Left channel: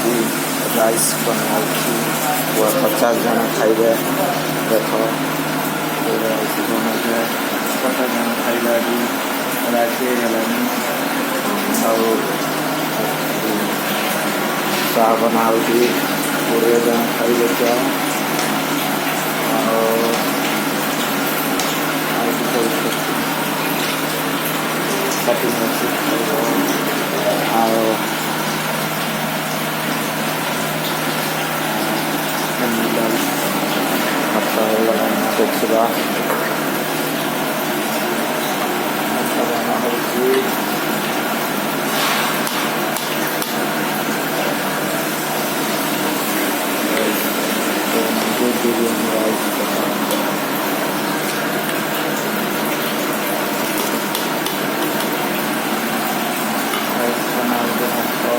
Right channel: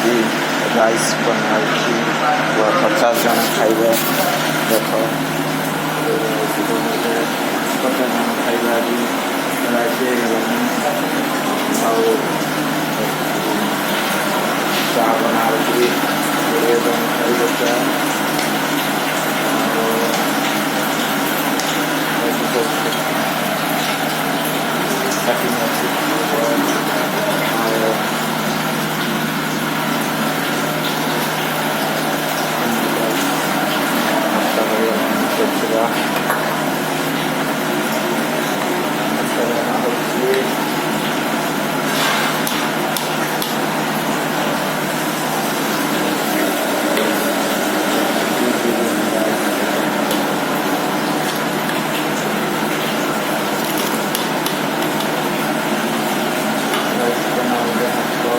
राइस बनाଉଛି 50 ଜଣ ଖାଇବେ ଦେଖ 50 ଜଣ ଖାଇବା ବି ରାଜି ହେଇଗଲାଣି ଆଉ ଚା ବନାଉଛି 20 ଜଣ ଖାଇବେ ଚା cutting ଅଛି बनाओगे हमको